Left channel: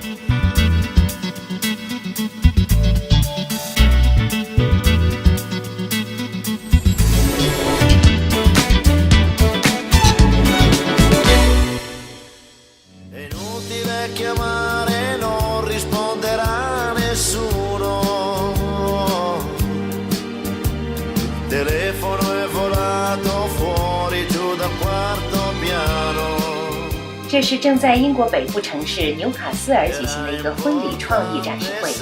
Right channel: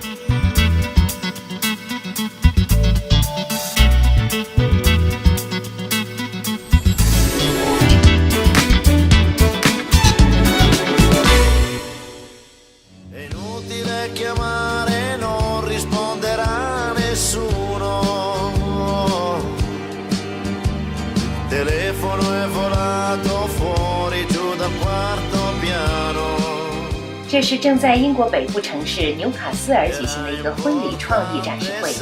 È inutile chiamare, non risponderà nessuno. Il telefono è volato fuori giù dal quarto piano. 这是正在英国北部城市纽卡斯尔举行的一个婚礼创意展示会。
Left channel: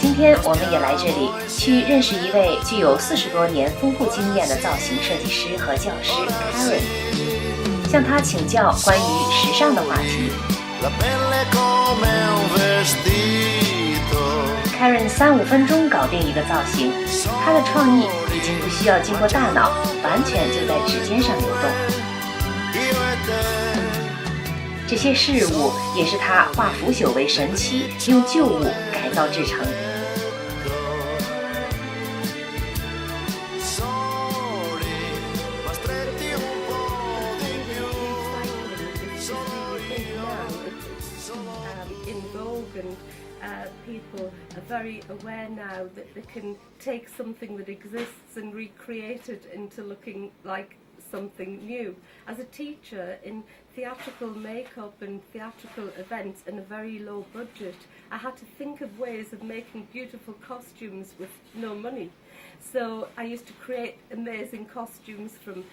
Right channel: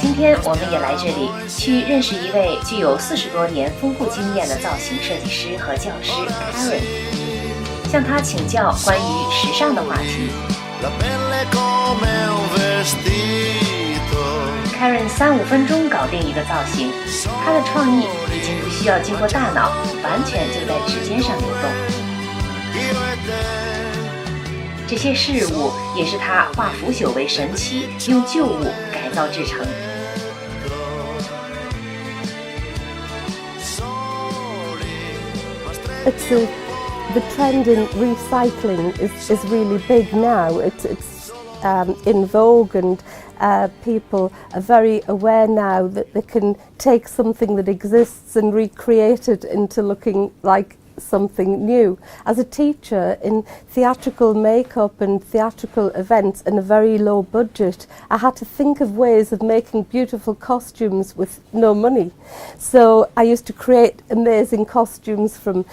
今天我们也来这里，去认识一位具有40多年丰富经验的造型设计师和教师 Karen， 向他请教关于时尚的话题。Karen 3-5分钟搞定一个造型，他的创意已经不需要经过大脑，完全就在指尖上流动。这些事物也是他化腐朽为神奇，用旧物改造制成。 The trend in recycling is really big now. It's in vogue, and people are very aware now that they can take something that exists and recreate it into looking like something new. As a teacher in theatrical makeup and theatrical events in a very low budget, I had to think of ways of making beautiful costumes with no money. So I used to create amazing costumes from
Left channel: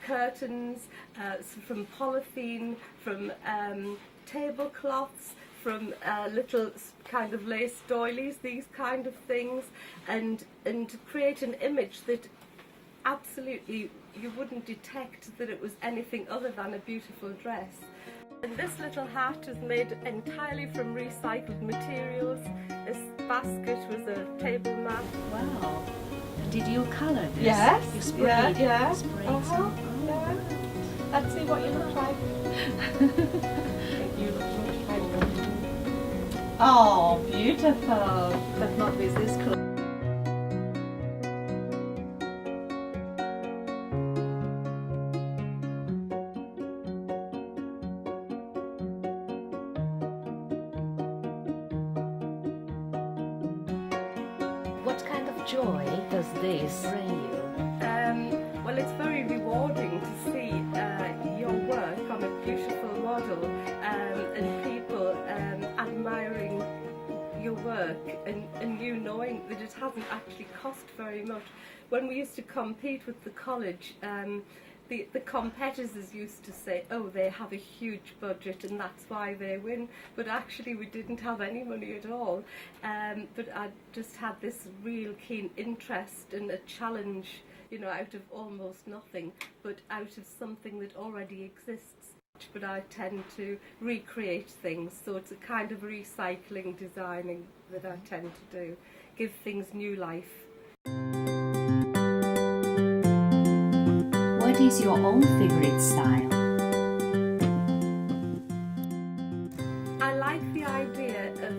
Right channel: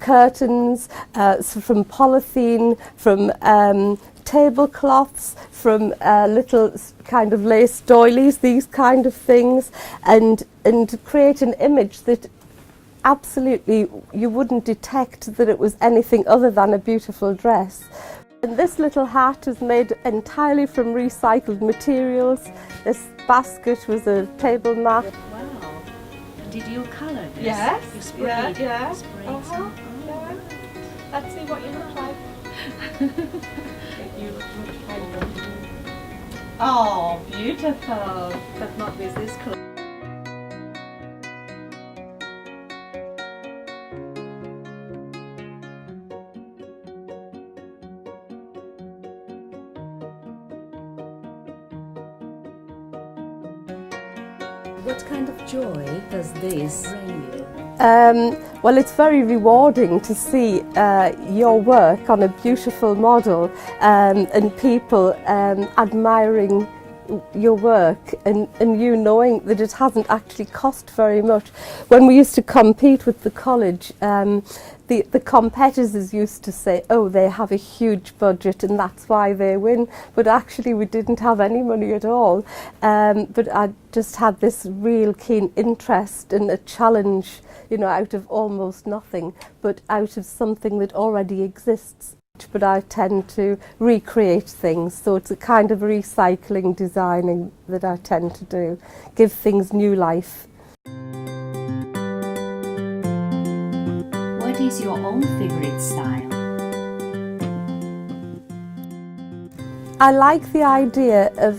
curtains, from polythene, from tablecloths, from little kind of lace doilies, these kind of things, and create an image that absolutely you wouldn't detect that it was anything other than a beautiful dress. And this little hat is made entirely from recycled materials. This basket was a table mat. Wow. Did you color this? Yes. You sprayed. Yeah. Sprayed Uh-huh. Yeah. Let's see what you look like. You look much better. Oh, beautiful. But not with this clothes. What kind of joy does this bring you? Well, it's very rewarding to see your work on a beautiful model and people admiring your work and you knowing that it hasn't actually cost very much. When we used to compete with the college, the competitors used to say, oh, they have a huge budget and that's why they win, but actually we didn't have any money at all. But I just had this real keen interest and a challenge, you know, out of almost nothing, but out of something that already exists. But I tend to recreate things, so it's a kind of recycling designing that I tend to do, give things new life. What is your own favorite style? I like the idea of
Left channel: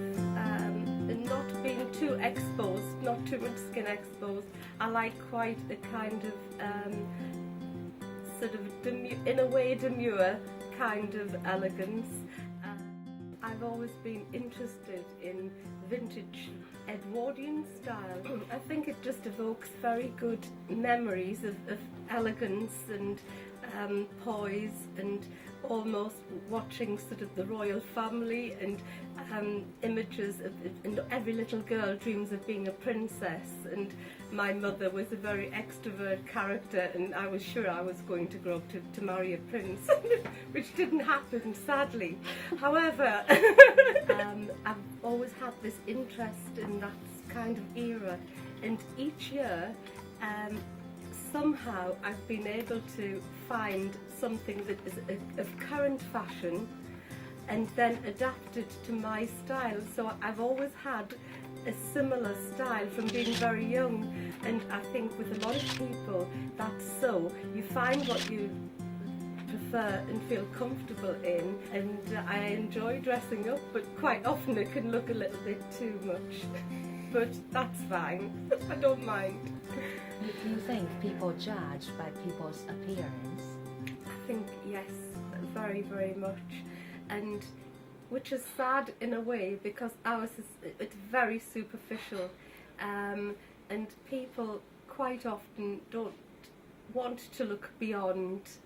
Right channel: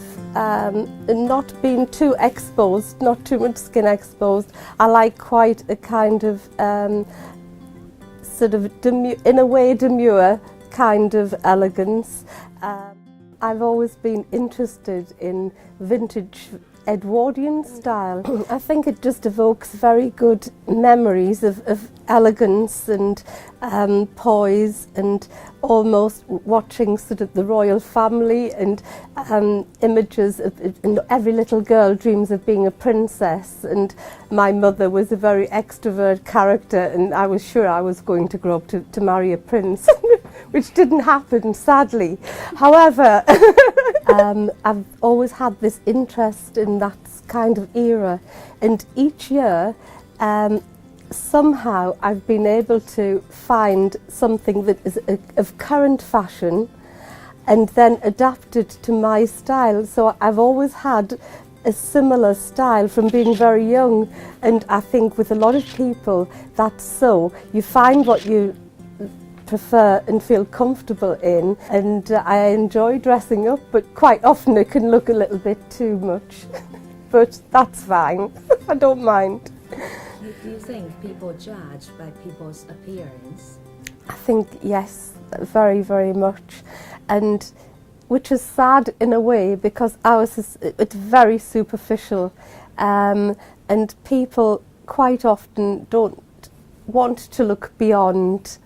not being too exposed, not too much skin exposed. I like quite a kind of sort of in a way demure kind of elegance. I've always been interested in vintage Edwardian style. I think it just evokes very good memories of elegance and poise and almost watching sort of the royal family and images of and every little girl dreams of being a princess, and my mother was a very extrovert character and I was sure I was going to grow up to marry a prince. Which didn't happen, sadly. However, I've always had this interest in that kind of era, and each year somehow I've been able to find something that is of current fashion and then adapt it to my style. So I've always had a similar style from being very young, and I think with a lot of people that's so. You find what you prefer and feel comfortable in, and I enjoy dressing up, but quite often it can look a little bit too much. But that's fine. I don't mind. Do you think people judge by people's appearance? think yes, very, very much, and which is sad in a way because ours is it's very superficial, and people quite often don't want to look beyond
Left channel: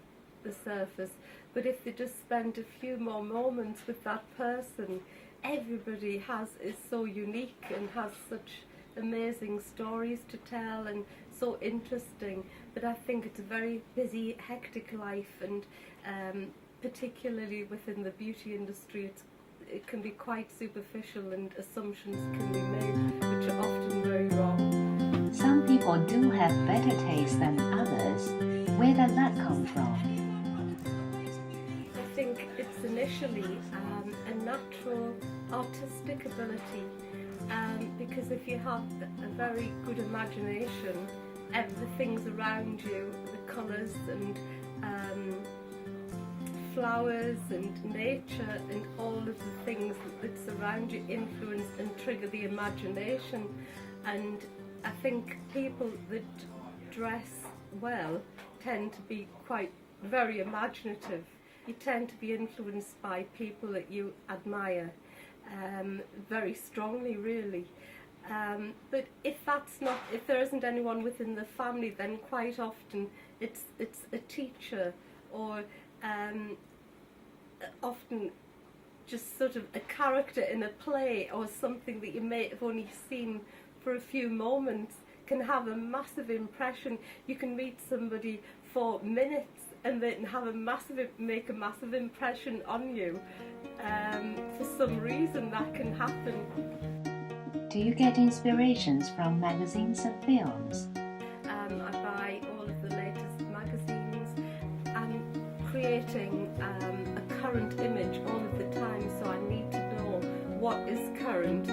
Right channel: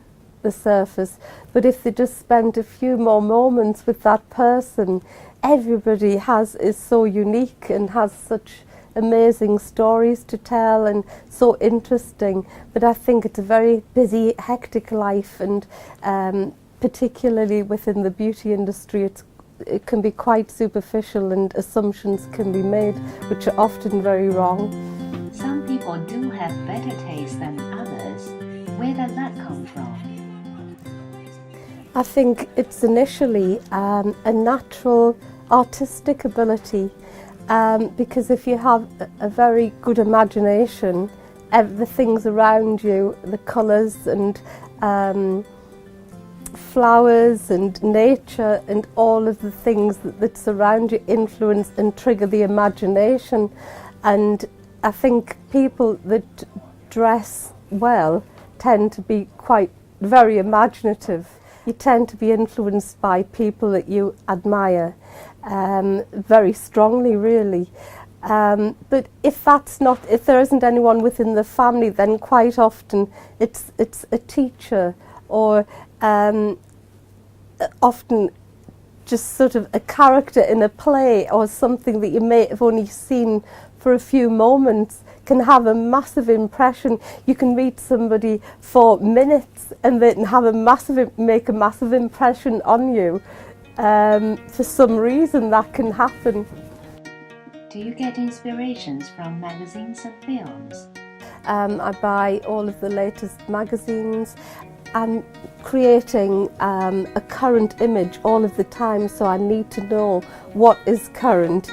the surface. But if they just spend a few more moments with that person, everybody is so unique and has such amazing stories to tell and so interesting. But I think it's a very busy, hectic life, and particularly within the beauty industry, it can be quite superficial and assumptions can be made which are often very wrong. Some people do have better taste than others. Where does that come from? I think it's initially a natural artistic ability, because if you have a very good imagination, the things around you, the colours and flowers and nature and all of the things that surround you influence and trigger the imagination. And I think people that dress well tend to be very imaginative. You tend to be influenced by people that you admire very strongly, really. But if there isn't anyone within the family, then quite often it's a teacher, or often just sort of a character in a play or something that you may have only seen for a few moments can have a massive impression. You can meet somebody for minutes and they can make a massive impression on you. For some reason that can happen. Do you get inspirations from magazines and films? I buy all of the latest magazines. I'm creating a current image all of the time, so I need to know what is current.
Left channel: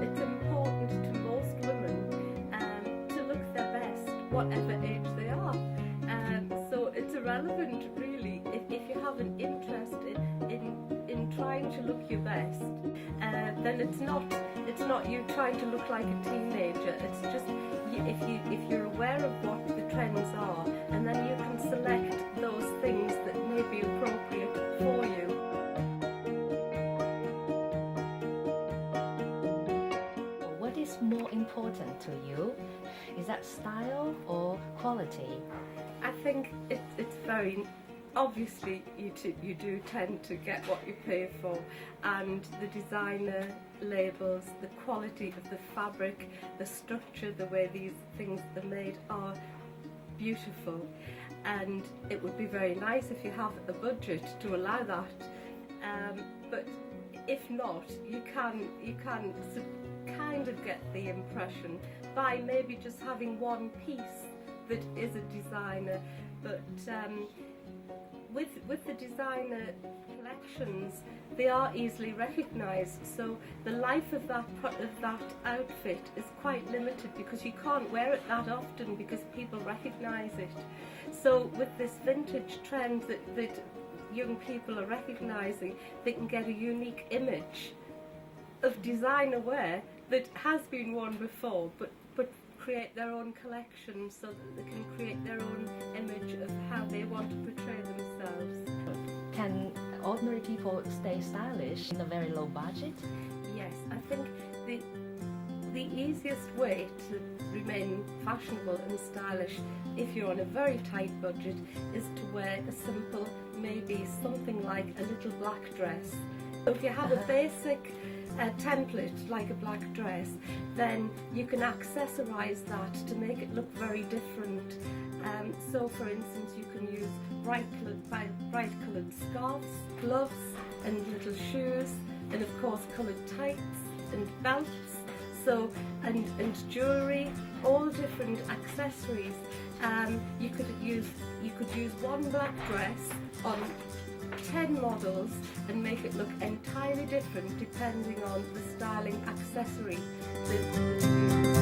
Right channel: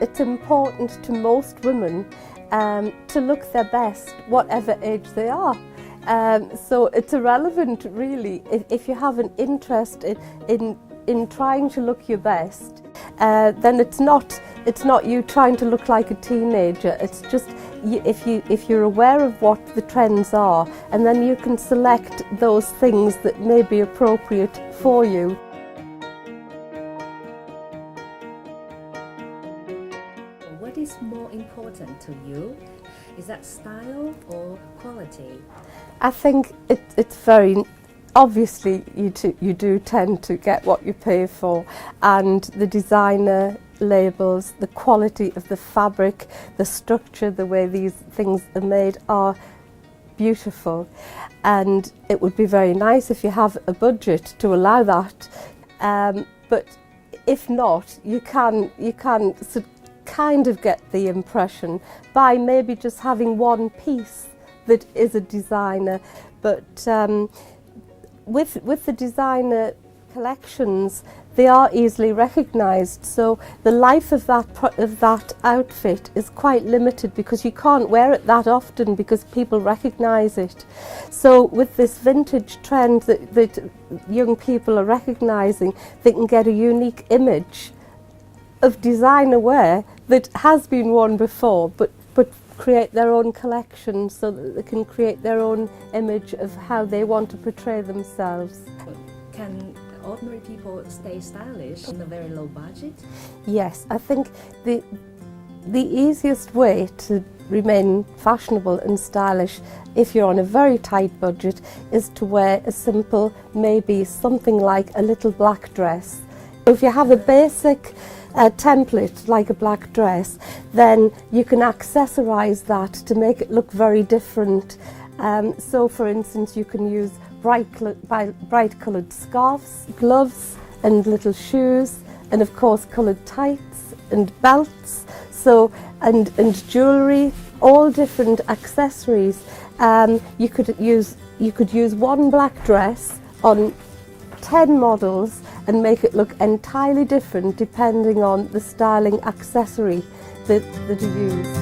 It's important to most women to look their best, whatever age they are. So it's irrelevant, really, if you have an interest in trying to look your best, then it's not you trying to look like a teenager. It's just if you're aware of what the trends are, and then you can select those things that may be appropriate for you. What is more important to you? Is that style or quality? I think it's very obviously you do tend to get what you pay for, and the designer labels, the quality of the fabric, the structure, the way these things are made are beautiful, and it would be very nice if you have a budget to allow that, but if not, you can kind of get the impression by maybe just having one piece that is a designer. But with the designer collections, they are easily recognised, so the life of that outfit is quite limited because you can't wear it that often because people recognise it. So with this vintage trend that young people are recognising, they can get a unique image of designer wear that has been worn before, but create their own collection so that they can create their own image of how they want to portray themselves. Can ordinary people stay stylish on a very low budget? Yes, I think the easiest way to remain fashionable and stylish if you're on a very tight budget is to wear a simple, maybe something like a little black dress. If you have a basic template like a black dress, then you can accessorize that to make it look very different. So for instance, you can use bright coloured scarves, gloves and little shoes, and of course coloured tights and belts, so and jewellery, all different accessories. You could use one black dress on 10 models and make it look entirely different depending on the styling accessory that you use.